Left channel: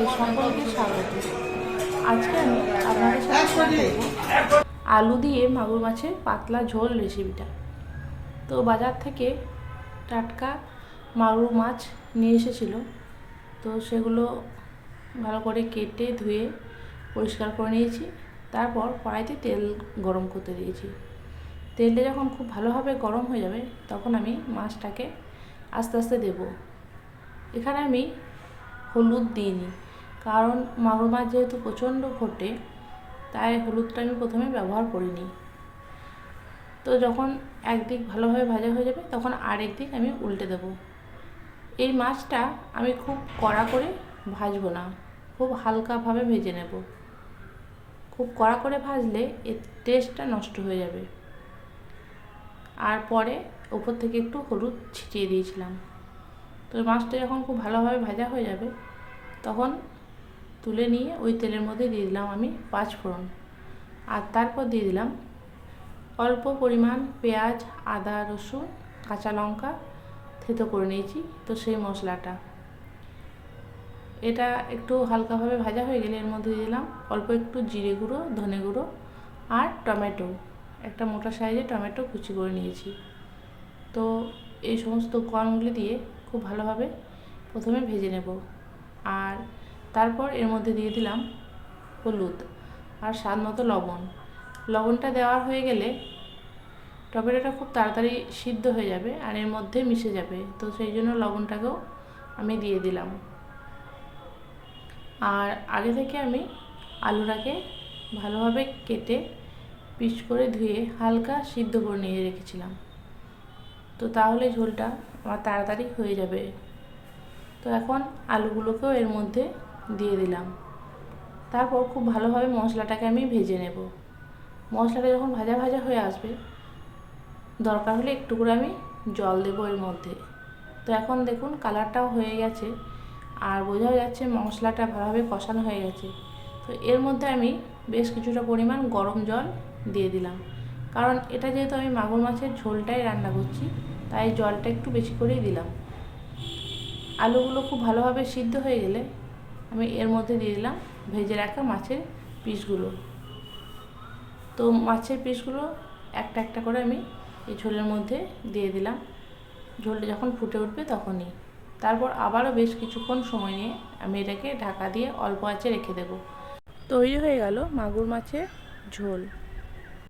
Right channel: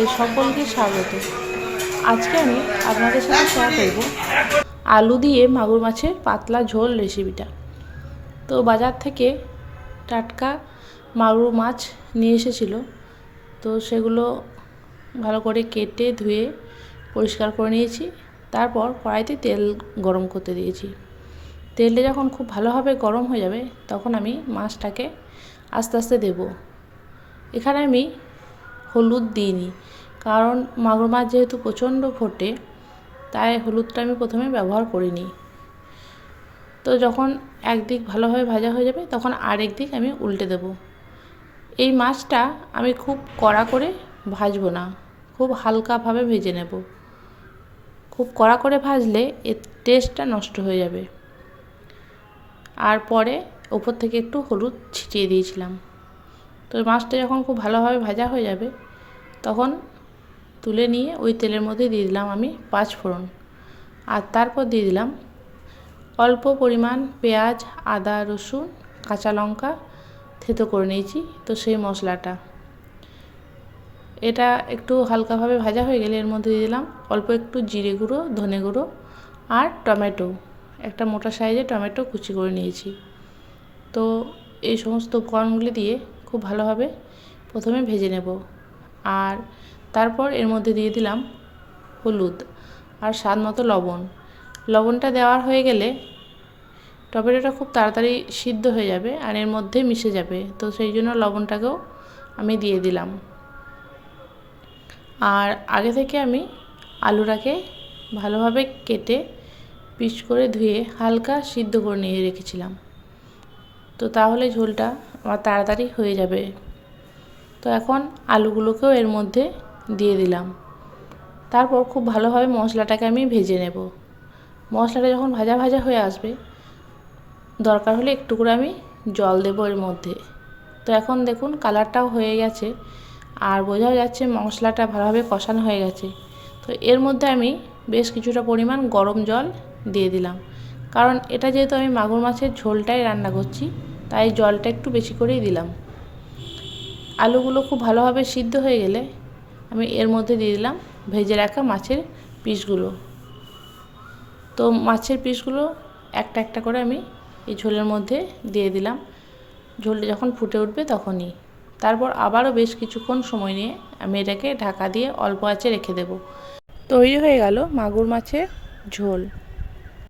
আপনাদের সকলকে স্বাগত। আজকে আমি আপনাদের সাথে শেয়ার করব আলু দিয়ে মাগুর মাছের পাতলা ঝোল রেসিপিটা। তো বাজার থেকে টাটকা মাগুর মাছ নিয়ে এসেছিল, তো সেগুলো ভালো করে কেটে ধুয়ে পরিষ্কার করে নিয়েছি। তারপর কড়াইতে তেল গরম করতে দিয়েছি। তেলটা যখন খুব ভালোভাবে গরম হয়ে যাবে তখন আমি মাছটাকে আস্তে আস্তে দেব। এখানে আমি হলুদ দিইনি, কারণ মাগুর মাছ যেহেতু প্রচণ্ড ফোটে, তাই হলুদটা আমি প্রথমে ব্যবহার করিনি। তো যখন একদিক ভালোভাবে ভাজা হয়ে যাবে তখন আরেক দিক আমি উল্টে দেব। এই মাছটা আমি খুব কড়া করে ভাজবো না, খুব হালকাভাবে ভেজে নেব। খুব কড়া করে ভাজলে এর টেস্টটা নষ্ট হয়ে যাবে। আর পরে ওপর থেকে একটু হলুদ ছিটিয়ে দিয়েছিলাম। তো মাছটা যখন খুব ভালোভাবে ভাজা হয়ে যাবে তখন তুলে নিয়ে ওই তেলের মধ্যে দিয়ে দিলাম আমি 5 ফোড়ন। আর তারপর দিয়ে দিলাম অল্প পরিমাণ পেঁয়াজ, আদা, রসুন, কাঁচা লঙ্কা থেতো করে নিয়েছি, তো সেই মশলাটা। এটা একটু হালকাভাবে ভাজা হয়ে গেলে এর মধ্যে দিয়ে দিলাম অল্প একটু জিরে গুঁড়ো, ধনে গুঁড়ো আর টমেটো। একটা মোটা সাইজের টমেটো কুচি করে নিয়েছি। তো এই সমস্ত উপকরণগুলি দিয়ে খুব ভালোভাবে প্রথমে ভেজে নেব। আর তারপর এর মধ্যে দিয়ে দিলাম হলুদ আর স্বাদ মতো লবণ। লবণটা দেওয়ার হয়ে গেলে টমেটোটা খুব তাড়াতাড়ি সিদ্ধ হয়ে যাবে আর এর মধ্যে মিশে যাবে, তো সেই জন্য লবণটাকেও আমি দিয়ে দিলাম। আর আগে থেকে আমি আলুটাকে ভালোভাবে কেটে পিস করে ধুয়ে হালকা সিদ্ধ করে নিয়ে রেখেছিলাম, তো তাহলে ঝোলটা আমার তাড়াতাড়ি হয়ে যাবে। তো এখন আলুগুলোকেও এর মধ্যে দিয়ে দিলাম। তারপর খুব ভালোভাবে মশলাটাকে আমি ভেজে নেব। মশলাটা যখন ভাজা ভাজা হয়ে আসবে দরকার হলে একটু করে আমি জল দেবো এর মধ্যে। তো এখন দেখুন কালারটাও হয়ে গেছে আর বোঝাও যাচ্ছে মশলাটা ভালোভাবে কষানো হয়ে গেছে। তো এর মধ্যে আমি বেশ কিছুটা পরিমাণ গরম জল দিয়ে দিলাম, কারণ এটা যেহেতু আমি মাগুর মাছের ঝোলটাই রান্না করছি তাই জলটা একটু বেশি করেই দিলাম। আলুগুলো খুব ভালোভাবে সিদ্ধ হয়ে গেলে আমি এর মধ্যে দিয়ে দিলাম ভেজে রাখা মাছের পিসগুলো। তো মাছের পিসগুলো একটা একটা করে আমি এই ঝোলের মধ্যে দিয়ে দিলাম। ঝোলটা যখন ফুটে উঠবে তখনই। তারপর আবারও বেশ কিছুক্ষণ সময় নিয়ে আমি এটাকে ঢাকা দিয়ে অল্প আঁচে রেখে দেব। তৈরি হয়ে গেল মাগুর মাছের ঝোল।